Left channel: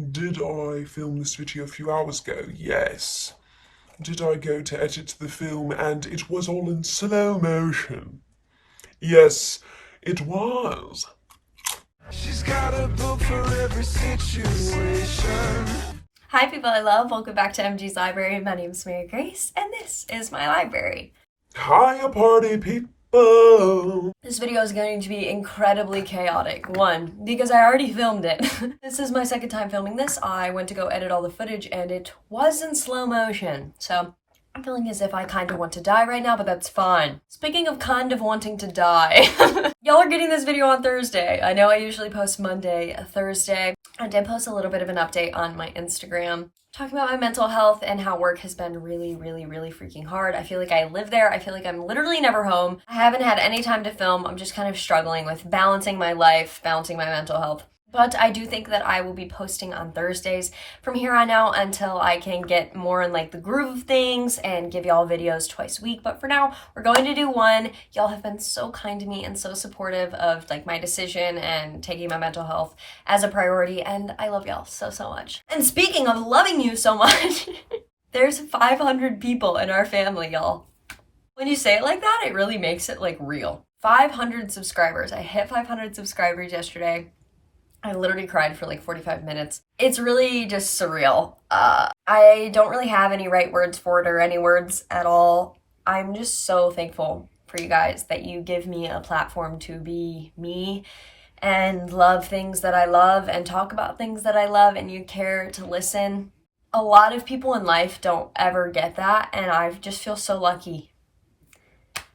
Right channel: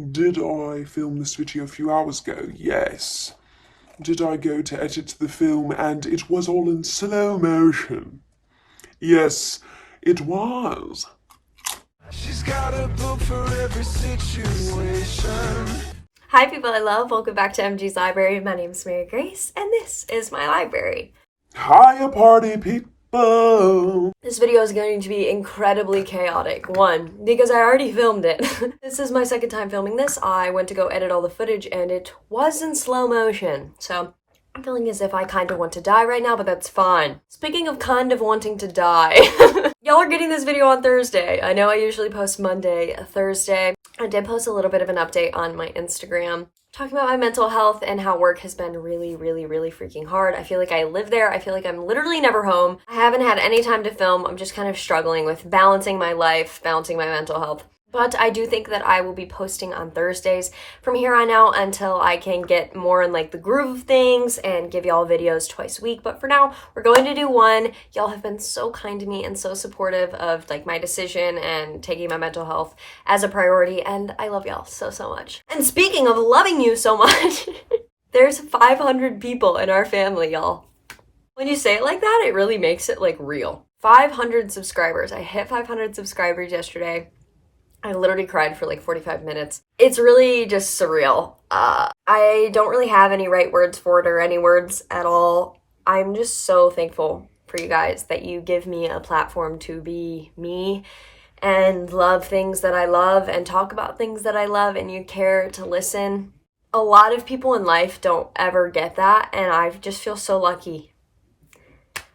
Did I film this video a few hours ago? Yes. Did I go to edit the film and it was all in slow motion? Yes, it was. She's got a book for every situation. Hi people I love, welcome back to MG's Library. My name is Mary Grace and this is my library. Hi party people. This video is going to be incredibly chaotic. One, because I already filmed it. This is my second time filming this. I went to go edit all the footage and it was in slow motion. So I'm feeling as if I kind of want to die right now, but that's fine. Speaking of kind of wanting to die, y'all are getting this video on Thursday. I know I usually post Monday, Thursday. I did post a little bit of an update on my Instagram talking about my mental health and how work has been really freaking hard. I feel like I live there. I feel like I'm literally never home. I haven't had any time to film. I'm just kind of struggling with balancing my life, balancing my mental health. But I do think that I will be posting on Thursdays from here on out until I can get more in like the groove of things and give y'all videos twice a week. But for now, we're going to do one. Y'all have been so kind to me and so supportive of like my decision and taking my mental health as a priority. And I love y'all so much. And speaking of loving you so much, there's 500 people in our family, y'all. When you say it like that, it really makes it like real. 500 subscribers. I hit 500 subscribers yesterday. I literally cried for like 45 minutes. It's really just surreal. I don't really have any right words for it or any words at all. I'm just so thankful for you guys that you give me a platform to be me and love things that I love and talk about things that I love and you care to listen. A lot of people in life don't ever get that and I just feel so lucky.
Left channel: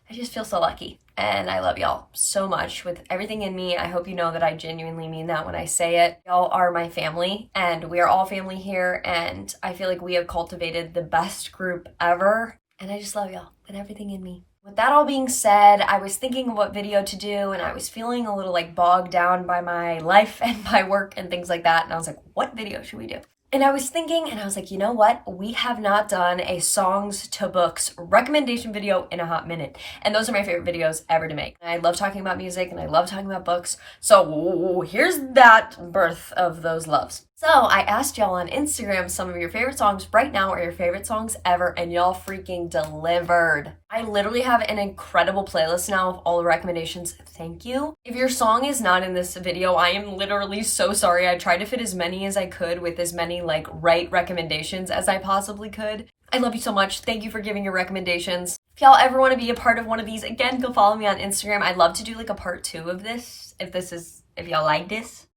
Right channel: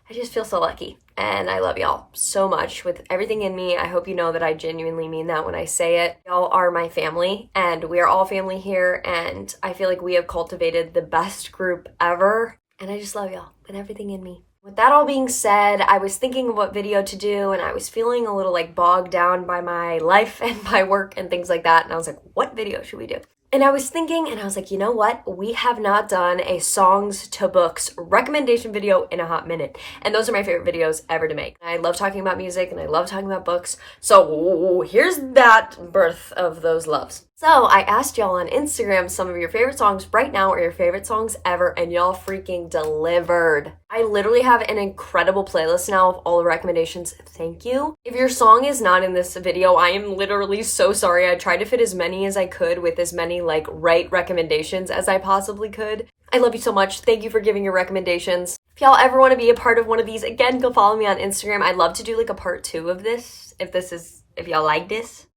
I just feel so lucky. And I love y'all so much with everything in me. I hope you know that I genuinely mean that when I say it. Y'all are my family and we are all family here. And I feel like we have cultivated the best group ever. And I just love y'all and everything in me. With that all being said, I was thinking of what video to do and I was feeling a little like bogged down by my life and my work and things like that. And I was like, what video should we do? And I was thinking, and I was like, you know what? We have not done a songs to books recommendation video in a hot minute. And those are my favorite videos ever to make. I love talking about music and I love talking about books. So here's that birth of those loves. So I asked y'all on Instagram some of your favorite songs right now or your favorite songs ever, and y'all freaking delivered. I literally have an incredible playlist now of all the recommendations. Thank you. If your song is not in this video, I am literally so sorry. I tried to fit as many as I could with as many like right recommendations as I possibly could. I love you so much. Thank you for giving your recommendations. If y'all ever want to be a part of one of these, again, go follow me on Instagram. I'd love to do like a part 2 of this if y'all like this.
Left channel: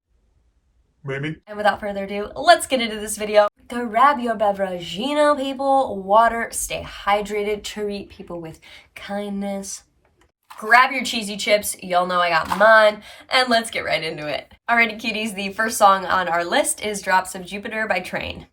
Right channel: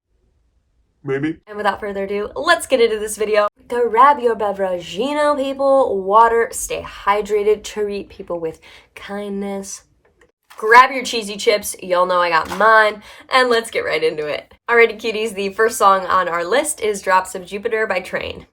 Maybe. And without further ado, let's get into this video. Grab your beverage, people, water, stay hydrated, treat people with kindness. Grab your cheesy chips, y'all know I got mine, and let's get right into it. Alrighty cuties, the first song on our list is Drops of Jupiter by Train.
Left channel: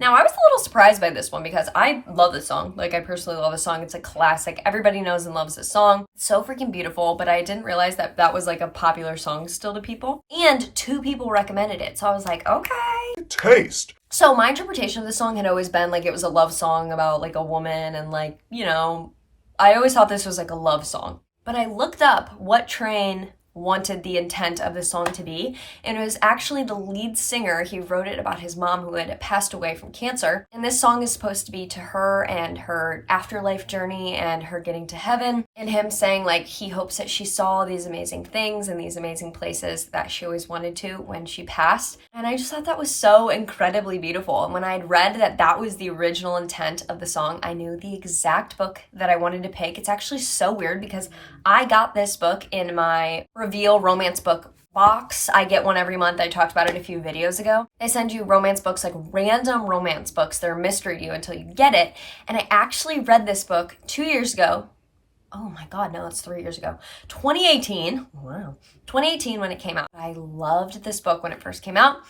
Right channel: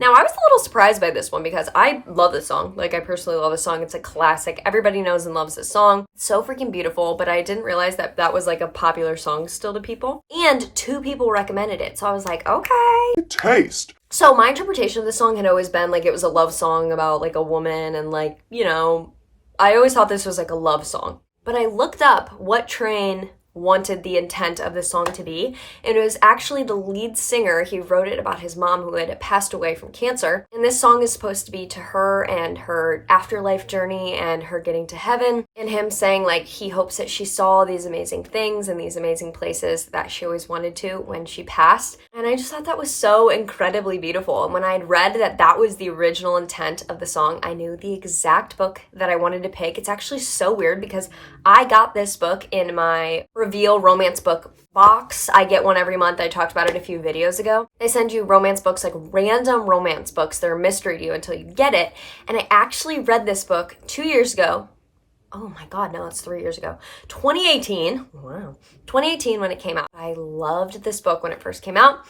Now, I was a little surprised by this one because I love this song. Like, I personally love this song. It's a classic. Everybody knows and loves this song. It's so freaking beautiful, but I didn't realize that that was like a popular song still to people. And 2 people recommended it. So I was like, okay. Taste. So my interpretation of this song had always been like it was a love song about like a woman and like, you know, I always thought this was like a love song. But I looked up what Train wanted the intent of the song to be, and it was actually the lead singer. He wrote it about his mom who had passed away from cancer, and this song is supposed to be to her and her afterlife journey and her getting to heaven, and him saying like he hopes that she saw these amazing things and these amazing places that she always wanted to when she passed. And I just thought that was so incredibly beautiful. And when I had read that that was the original intent of the song, I knew the exact book that I wanted to pick. It's actually so weird because I got this book in my Reveal romance book box. I get one every month. I talked about it a few videos ago. They send you romance books, like random romance books. They're a mystery to you until you get it. And I actually read this book 2 years ago. Oh my God, no, it's 3 years ago. 2018. Wow. 2018 when it came out. I loved this book when it first came out.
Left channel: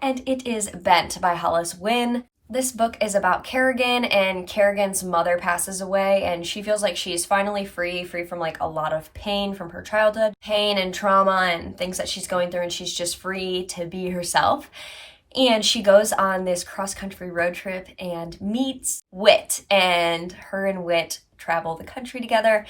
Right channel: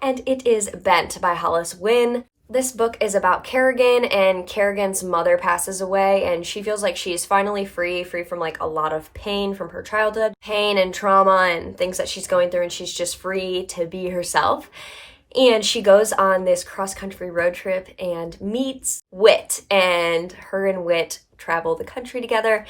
And it is Bent by Hollis. Nguyen. This book is about Kerrigan, and Kerrigan's mother passes away, and she feels like she's finally free from like a lot of pain from her childhood, pain and trauma and things that she's going through, and she's just free to be herself. And she goes on this cross-country road trip and meets Whit, and her and Whit travel the country together.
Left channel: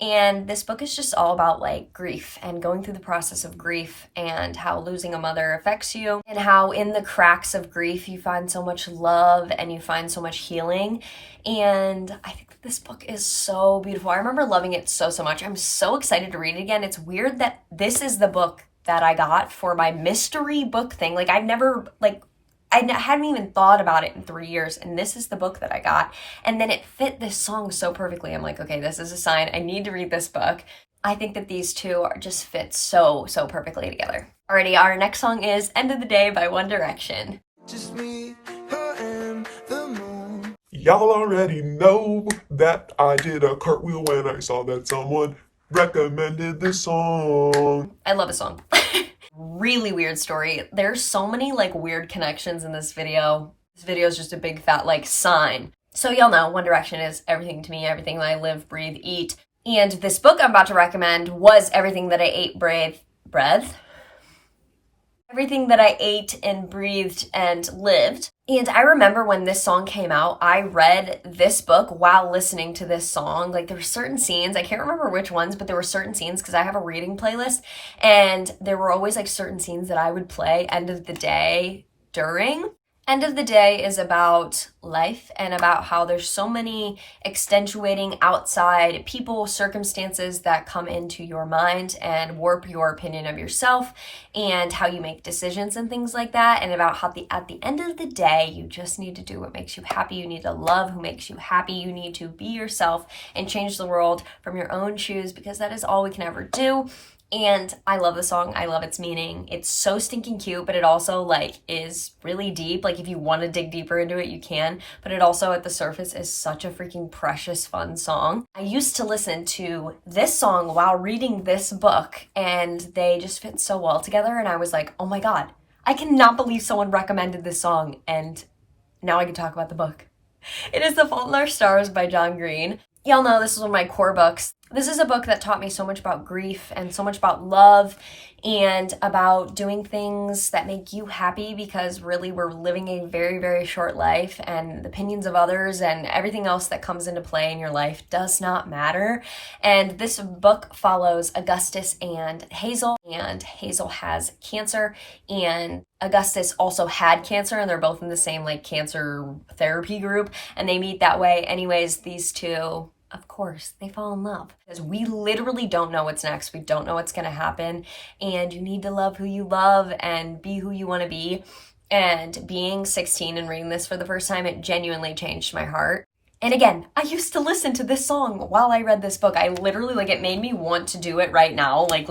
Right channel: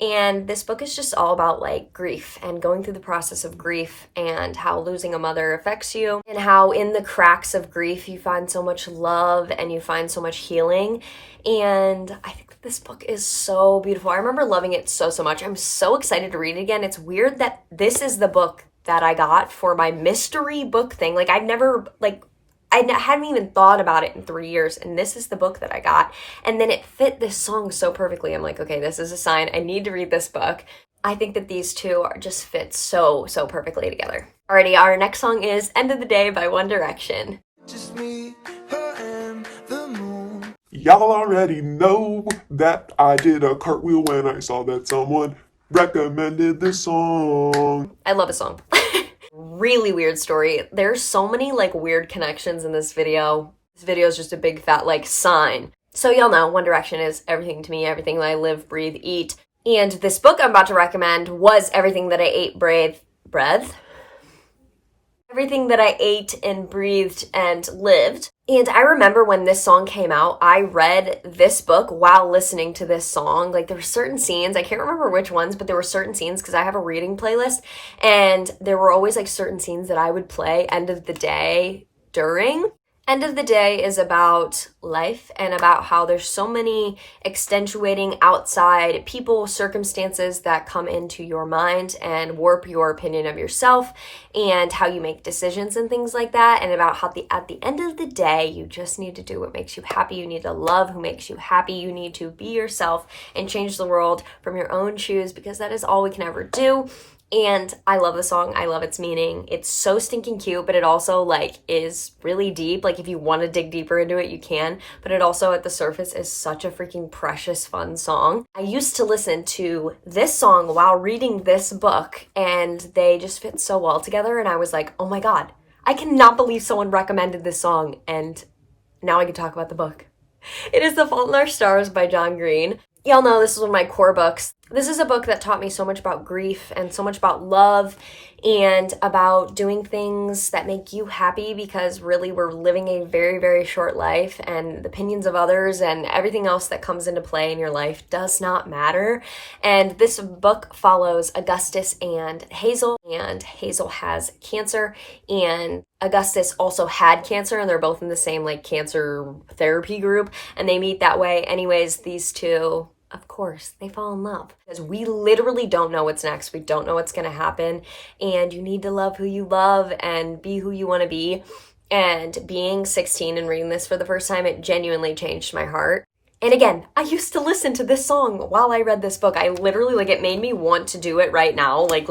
And this book is just all about like grief and going through the process of grief and how losing a mother affects you, and how in the cracks of grief you find so much love and you find so much healing. And I think that this book is so beautiful. I remember loving it so much. I'm so excited to read it again. It's weird that this is the book that I got for my mystery book thing. Like I hadn't even thought about it in 3 years, and this is the book that I got. And then it fit this song so perfectly. I'm like, okay, this is a sign. I need to read this book. I think that these two are just fit so perfectly together. Alrighty, our next song is End of the Day by One Direction. Just me, her, and the moon. Y'all already know that I did a cartwheel when I saw that someone recommended this song. I love a song. Really weird story. There's so many like weird connections in this video. This video is just a big fat like sign. So y'all know One Direction is everything to me, everything that I live, breathe, eat. And this book I'm about to recommend was everything that I ate, everything that I ate and breathed and lived. And I remember when this song came out, I read this book while listening to this song. Like there were certain scenes, I can't remember which ones, but there were certain scenes because I have a reading playlist, and there were always like certain scenes that I would play End of the Day during. End of the Day is about life and about how there's so many extenuating outside people, circumstances that come into your mind and warp your opinion of yourself and how you make decisions and things like that. And about how at the end of the day, you just need to do what makes you happy. You need to love who makes you happy. You need to be yourself and change the world from your own shoes, because that is all we can ever do. And I love the song. I love its meaning. It's so stinking cute, but it also like is really deep. Like if you want to dig deeper into it, you can. But it also at the surface is such a freaking precious, fun song. I used to listen to this song while reading this book, and they just fit so well together. And I was like, oh my God, I cannot believe someone recommended this song. And now I can talk about the book. It is The Fault in Our Stars by John Green. Y'all know this is one of my core books. This is a book that taught me so much about grief and so much about love and about doing things that make you happy, because really we're living a very short life, and the opinions of others and everything else that comes into play in your life does not matter. And this book follows Augustus and Hazel has cancer, and Augustus also had cancer, and they're both in the same like cancer therapy group, and they meet that way. Anyways, these two, of course, they fall in love, because we literally don't know what's next. We don't know what's going to happen, and you need to love who you love and be who you want to be. And being 16 and reading this for the first time, it genuinely changed my heart. And again, I used to listen to this song while I read this book. I literally, like, it made me want to do it right now, like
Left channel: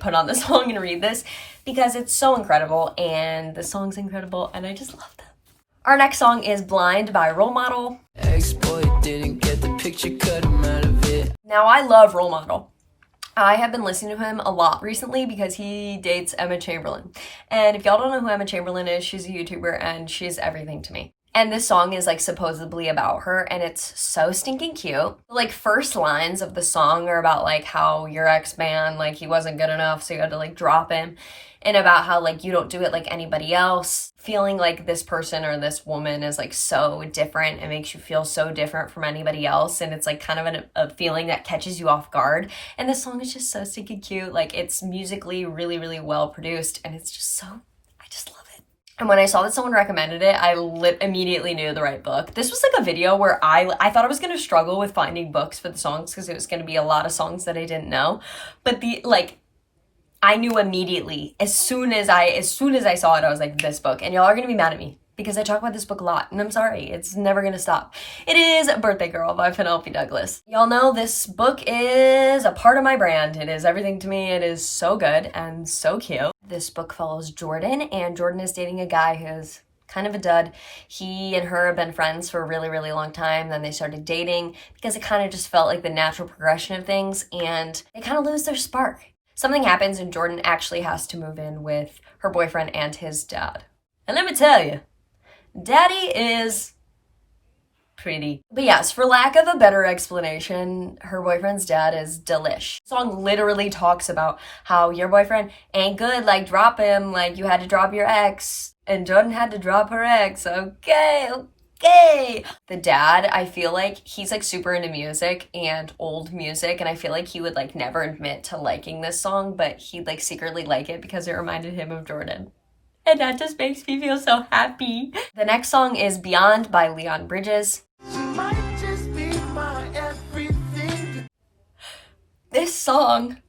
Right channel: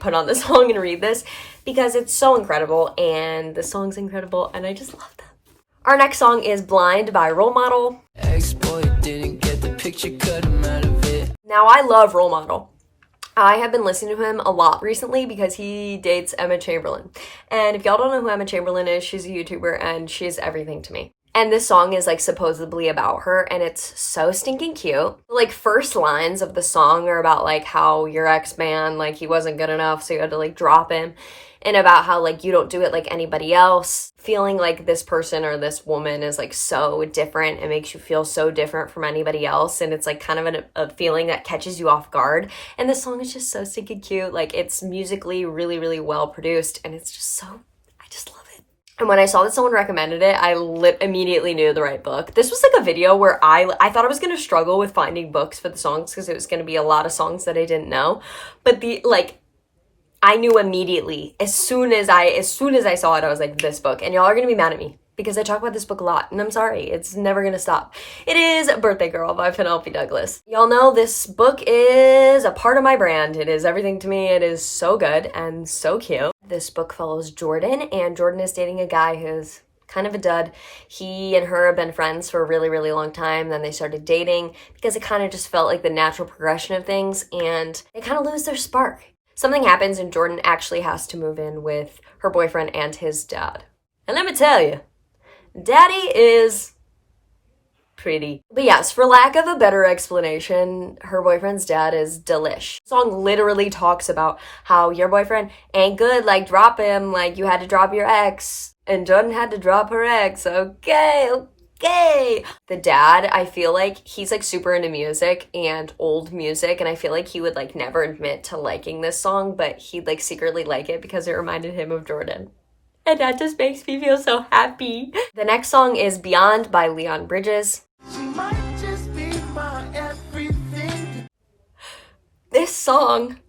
put on the song and read this, because it's so incredible, and the song's incredible, and I just love them. Our next song is Blind by Role Model. Ex-boy didn't get the picture, cut him out of it. Now, I love Role Model. I have been listening to him a lot recently because he dates Emma Chamberlain. And if y'all don't know who Emma Chamberlain is, she's a YouTuber and she's everything to me. And this song is like supposedly about her, and it's so stinking cute. Like first lines of the song are about like how your ex-man, like he wasn't good enough, so you had to like drop him. And about how like you don't do it like anybody else. Feeling like this person or this woman is like so different. It makes you feel so different from anybody else. And it's like kind of a feeling that catches you off guard. And this song is just so stinking cute. Like it's musically really well produced. And it's just so, I just love it. And when I saw that someone recommended it, I immediately knew the right book. This was like a video where I thought I was going to struggle with finding books for the songs, because it was going to be a lot of songs that I didn't know. But I knew immediately, as soon as I saw it, I was like, this book. And y'all are going to be mad at me because I talk about this book a lot, and I'm sorry, it's never going to stop. It is Birthday Girl by Penelope Douglas. Y'all know this book is a part of my brand. It is everything to me. It is so good and so cute. This book follows Jordan, and Jordan is dating a guy who's kind of a dud. He and her have been friends for a really long time. Then they started dating because it kind of just felt like the natural progression of things, and they kind of lose their spark. Something happens and Jordan actually has to move in with her boyfriend and his dad. And let me tell you, Daddy is pretty. But yes, for lack of a better explanation, her boyfriend's dad is delish. The song literally talks about how your boyfriend ain't good, like drop him, like you had to drop your ex, and Jordan had to drop her ex. Okay. The dad, I feel like he's like super into music and old music, and I feel like he would like never admit to liking this song, but he'd like secretly like it because it reminded him of Jordan. And that just makes me feel so happy. The next song is Beyond by Leon Bridges. She might just be my everything. This song,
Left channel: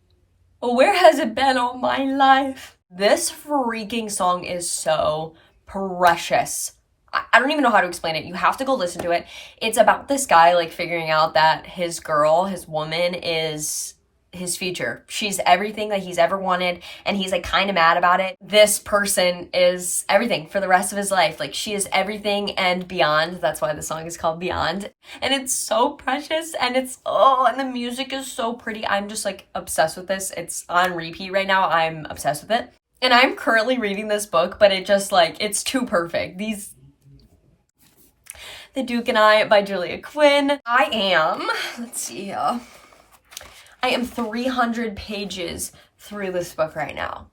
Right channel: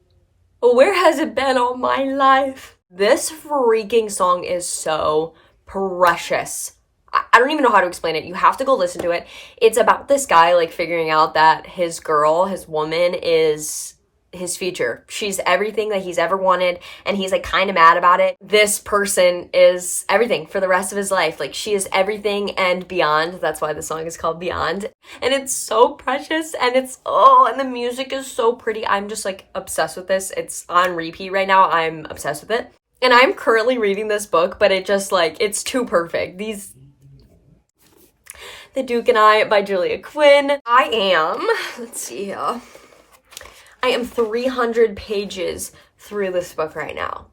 where has it been all my life? This freaking song is so precious. I don't even know how to explain it. You have to go listen to it. It's about this guy like figuring out that his girl, his woman, is his future. She's everything that he's ever wanted, and he's like kind of mad about it. This person is everything for the rest of his life. Like, she is everything and beyond. That's why the song is called Beyond. And it's so precious, and and the music is so pretty. I'm just like obsessed with this. It's on repeat right now. I'm obsessed with it. And I'm currently reading this book, but it just like, it's too perfect. The Duke and I by Julia Quinn. I am 300 pages through this book right now.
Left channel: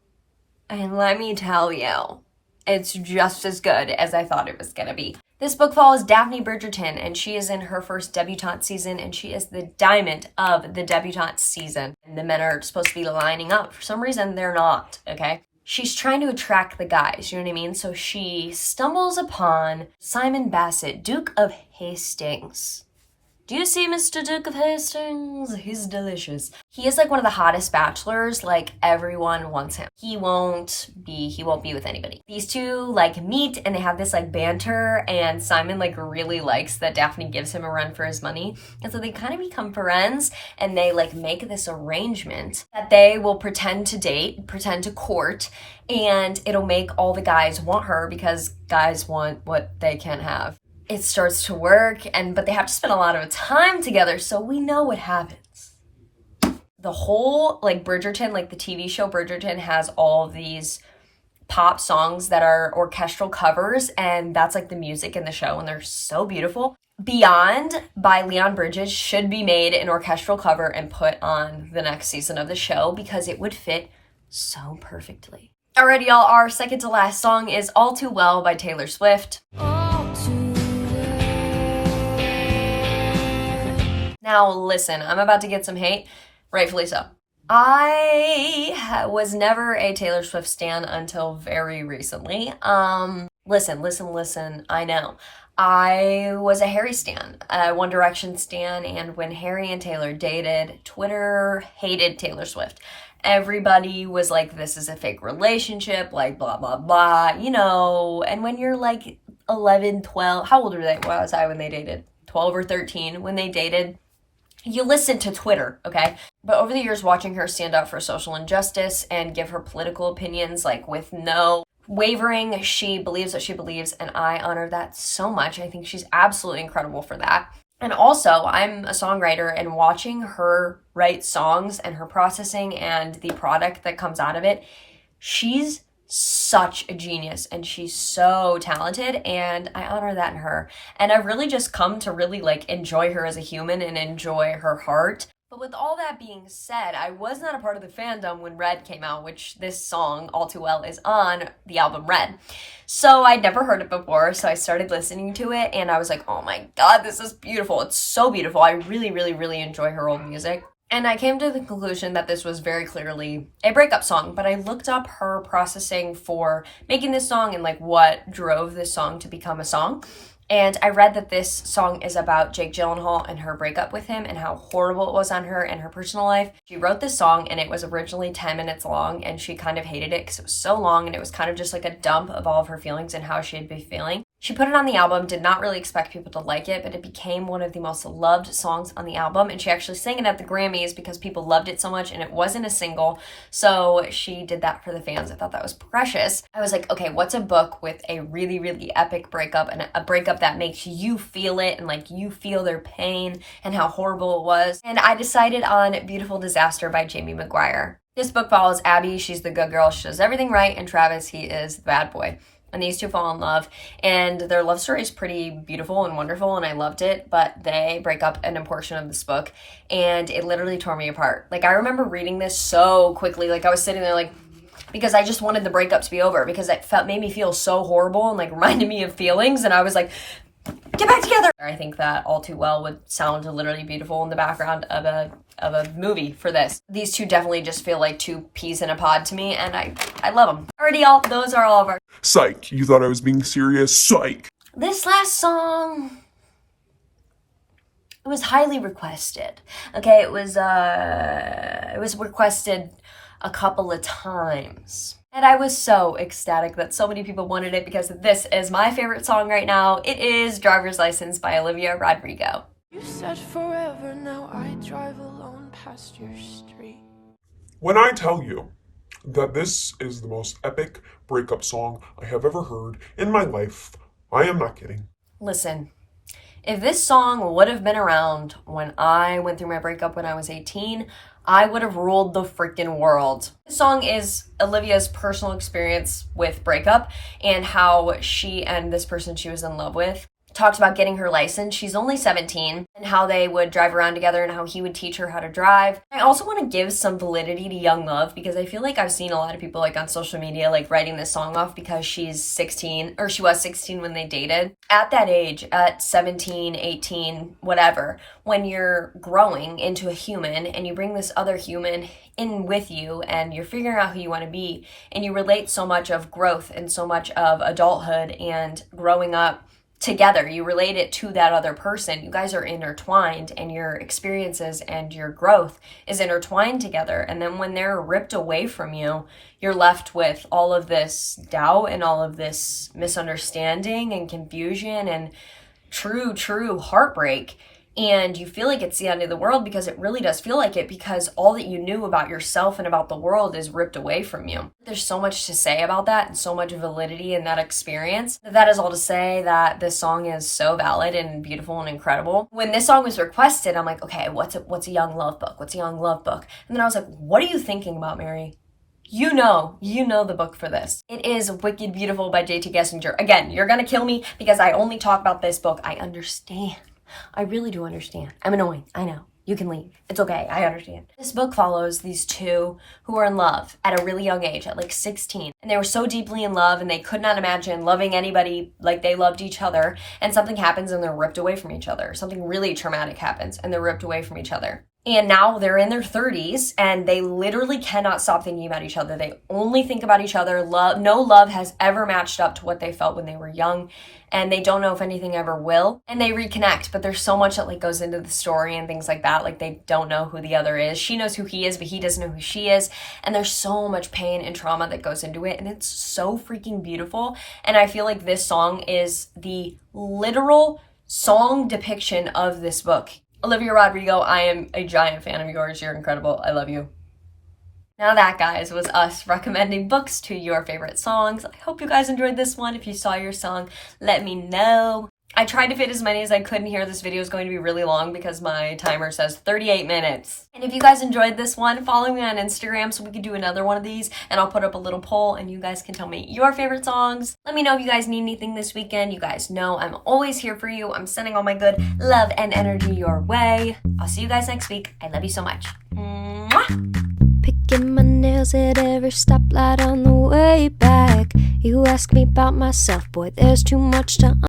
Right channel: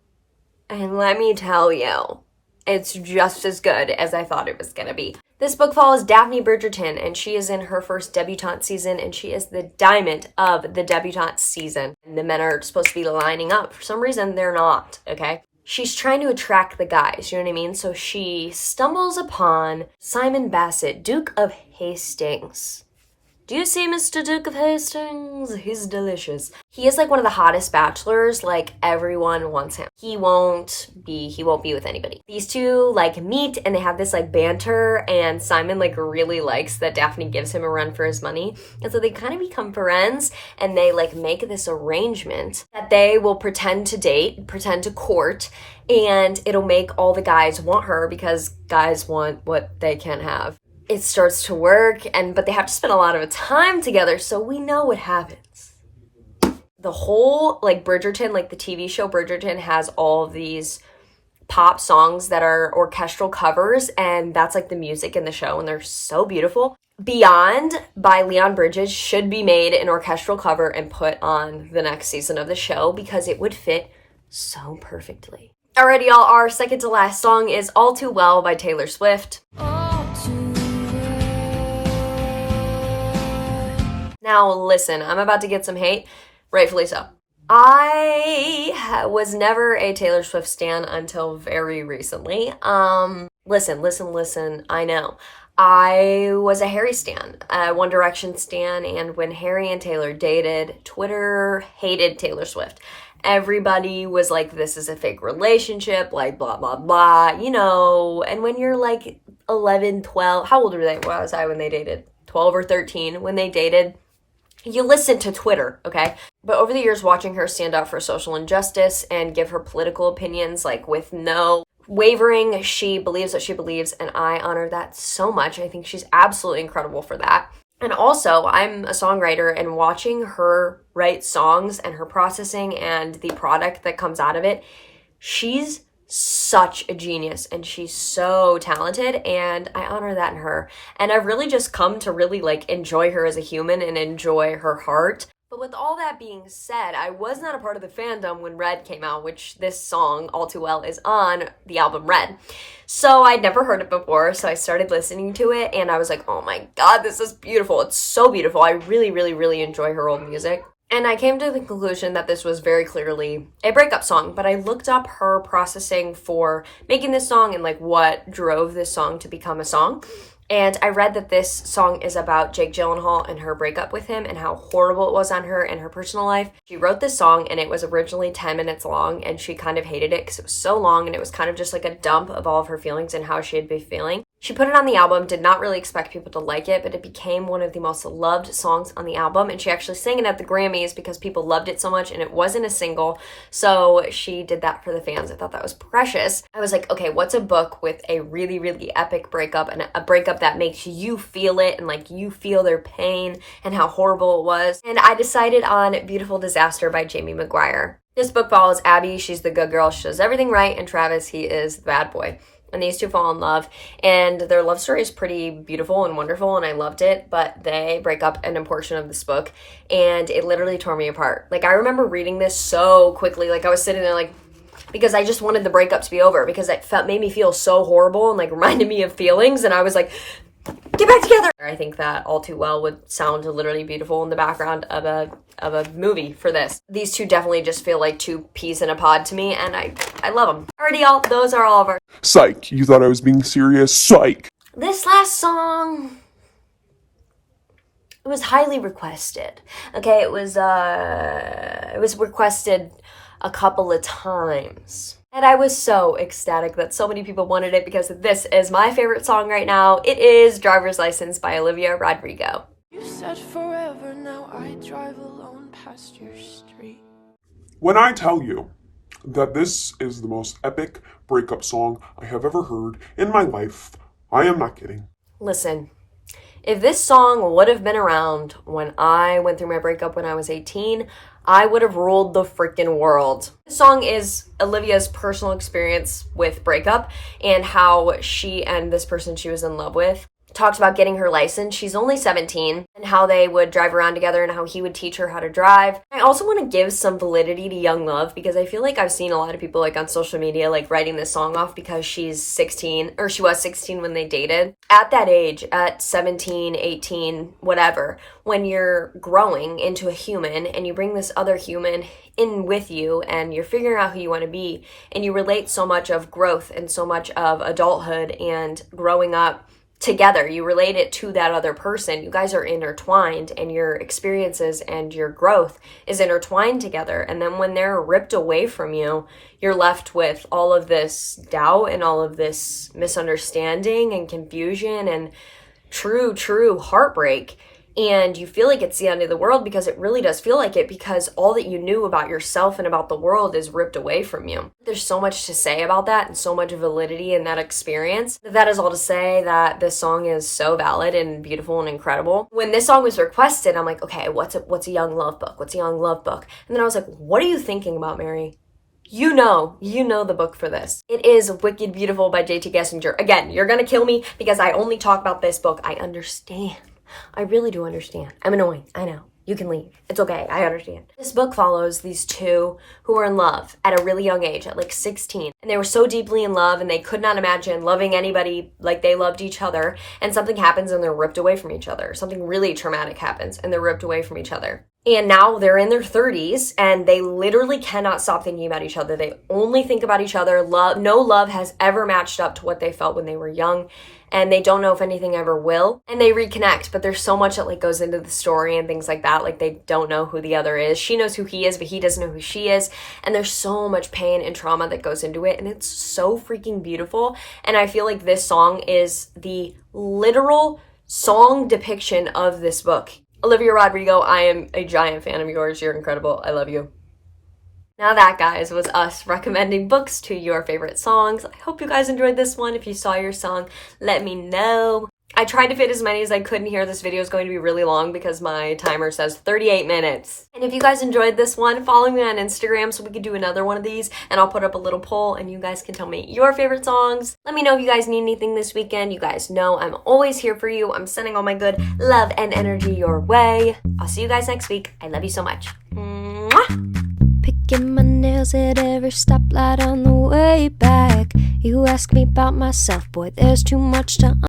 And let me tell you, it's just as good as I thought it was gonna be. This book follows Daphne Bridgerton, and she is in her first debutante season, and she is the diamond of the debutante season. And the men are supposed to be lining up. For some reason, they're not, okay? She's trying to attract the guys, you know what I mean? So she stumbles upon Simon Bassett, Duke of Hastings. Do you see Mr. Duke of Hastings? He's delicious. He is like one of the hottest bachelors. Like, everyone wants him. He won't be with anybody. These two like meet and they have this like banter, and Simon like really likes that Daphne gives him a run for his money. And so they kind of become friends, and they like make this arrangement that they will pretend to date, pretend to court, and it'll make all the guys want her because guys want what they can't have. It starts to work, but they have to spend a lot of time together, so we know what happens. The whole, like, Bridgerton, like the TV show Bridgerton, has all of these pop songs that are orchestral covers, and that's like the music in the show, and they're so beautiful. Beyond by Leon Bridges should be made an orchestral cover and put on the next season of the show because it would fit so perfectly. Alrighty, y'all, our second to last song is All Too Well by Taylor Swift. Now, listen, I'm about to get some hate, rightfully so. I was never a Taylor Swift stan until very recently. Listen, I know. I was a Harry stan, a One Direction stan, and when Harry and Taylor dated, Twitter hated Taylor Swift. Everybody was like, this is a fake relationship, like blah, blah, blah, you know. And when you're like 11, 12, how old were they? What was I when they dated? 12 or 13 when they dated. You listen to Twitter, okay? But over the years, watching her stand up for social injustice and give her political opinions, like with no wavering, she believes what she believes, and I honor that so much. I think she's absolutely incredible for that. And also, I'm a songwriter, and watching her write songs and her processing and the product that comes out of it, she's such a genius, and she's so talented, and I honor that in her. And I've really just come to really like enjoy her as a human and enjoy her heart. But with all that being said, I was not a part of the fandom when Red came out, which this song, All Too Well, is on the album Red. So I'd never heard it before, so I started listening to it, and I was like, oh my god, this is beautiful. It's so beautiful. I really, really, really enjoy her old music. And I came to the conclusion that this was very clearly a breakup song, but I looked up her processing for making this song and like what drove this song to become a song. And I read that this song is about Jake Gyllenhaal and her breakup with him and how horrible it was on her and her personal life. She wrote this song and it was originally 10 minutes long, and she kind of hated it because it was so long and it was kind of just like a dump of all of her feelings and how she had been feeling. She put it on the album, did not really expect people to like it, but it became one of the most loved songs on the album, and she actually sang it at the Grammys because people loved it so much, and it wasn't a single, so she did that for the fans. I thought that was precious. I was like, okay, what's a book with a really, really epic breakup, and a breakup that makes you feel it, and like you feel their pain and how horrible it was? And I decided on Beautiful Disaster by Jamie Mcguire. This book follows Abby. She's the good girl. She does everything right, and Travis, he is the bad boy. And these two fall in love, and their love story is pretty beautiful and wonderful, and I loved it, but they break up in a portion of this book, and it literally tore me apart. Like, I remember reading this so quickly, like, I was sitting there, like, because I just wanted the breakup to be over, because it made me feel so horrible, and, like, reminded me of feelings, and I was like, get back together! I think that All Too Well would sound literally beautiful in the background of a movie for this. These two definitely just feel like two peas in a pod to me, and I love them. Alrighty, y'all, those are all of our... Psych, you thought I was being serious? Psych! This last song... it was highly requested. Okay, it was requested a couple of times. And I was so ecstatic that so many people wanted it because this is my favorite song right now. It is Driver's License by Olivia Rodrigo. You said forever, now I drive alone past your street. When I tell you that this is the most epic breakup song I have ever heard in my life, I am not kidding. Listen, if this song would have been around when I went through my breakup when I was 18, I would have ruled the freaking world. This song is Olivia's personal experience with breakup and how she and this person she was in love with talked about getting her license. She's only 17, and how they would drive around together and how he would teach her how to drive. I also want to give some validity to young love because I feel like I've seen a lot of people like on social media like writing this song off because she's 16, or she was 16 when they dated. At that age, at 17, 18, whatever, when you're growing into a human and you bring this other human in with you and you're figuring out who you want to be, and you relate so much of growth and so much of adulthood and growing up together, you relate it to that other person. You guys are intertwined, and your experiences and your growth is intertwined together. And then when they're ripped away from you, you're left with all of this doubt and all of this misunderstanding and confusion and true heartbreak. And you feel like it's the end of the world, because it really does feel like it, because all that you knew about yourself and about the world is ripped away from you. There's so much to say about that and so much validity in that experience. That is all to say that this song is so valid and beautiful and incredible. When this song was requested, I'm like, okay, what's a young love book? What's a young love book? And then I was like, what are you thinking about, Mary? You know the book for this. It is Wicked Beautiful by J.T. Gessinger. Again, you're gonna kill me because I only talk about this book. I understand. I really do understand. I'm annoying. I know. You can leave. It's okay. I understand. This book follows these two who are in love at a really young age, at like 16. And they were so deeply in love, and they could not imagine loving anybody like they loved each other. And something happens and they're ripped away from each other. Something really traumatic happens and they're ripped away from each other. And now they're in their 30s and they literally cannot stop thinking about each other. They only think about each other. No love has ever matched up to what they felt when they were young. And they don't know if anything ever will. And they reconnect, but there's so much that like goes into the story and things like that. Like, they don't know who the other is. She knows who he is, but he doesn't know who she is. And there's so much pain and trauma that goes into it. And it's so freaking beautiful. And I feel like this song is the literal song depiction of this book. Olivia Rodrigo, I am a giant fan of yours. You're incredible. I love you. Now that, guys, was us recommending books to your favorite songs. I hope you guys enjoyed this one. If you saw your song, let me know. I tried to fit as many as I could in here. This video is going to be really long because my timer says 38 minutes. And if you guys enjoyed this one, follow me on Instagram so we could do another one of these, and I'll put up a little poll and you guys can tell me your favorite songs. Let me know if you guys need anything this weekend. You guys know I'm always here for you. I'm sending all my good love and energy your way. I'll see you guys next week. I love you so much. Mwah! Picking my nails at every stoplight on the way back. You ask me about myself, boy, there's too much to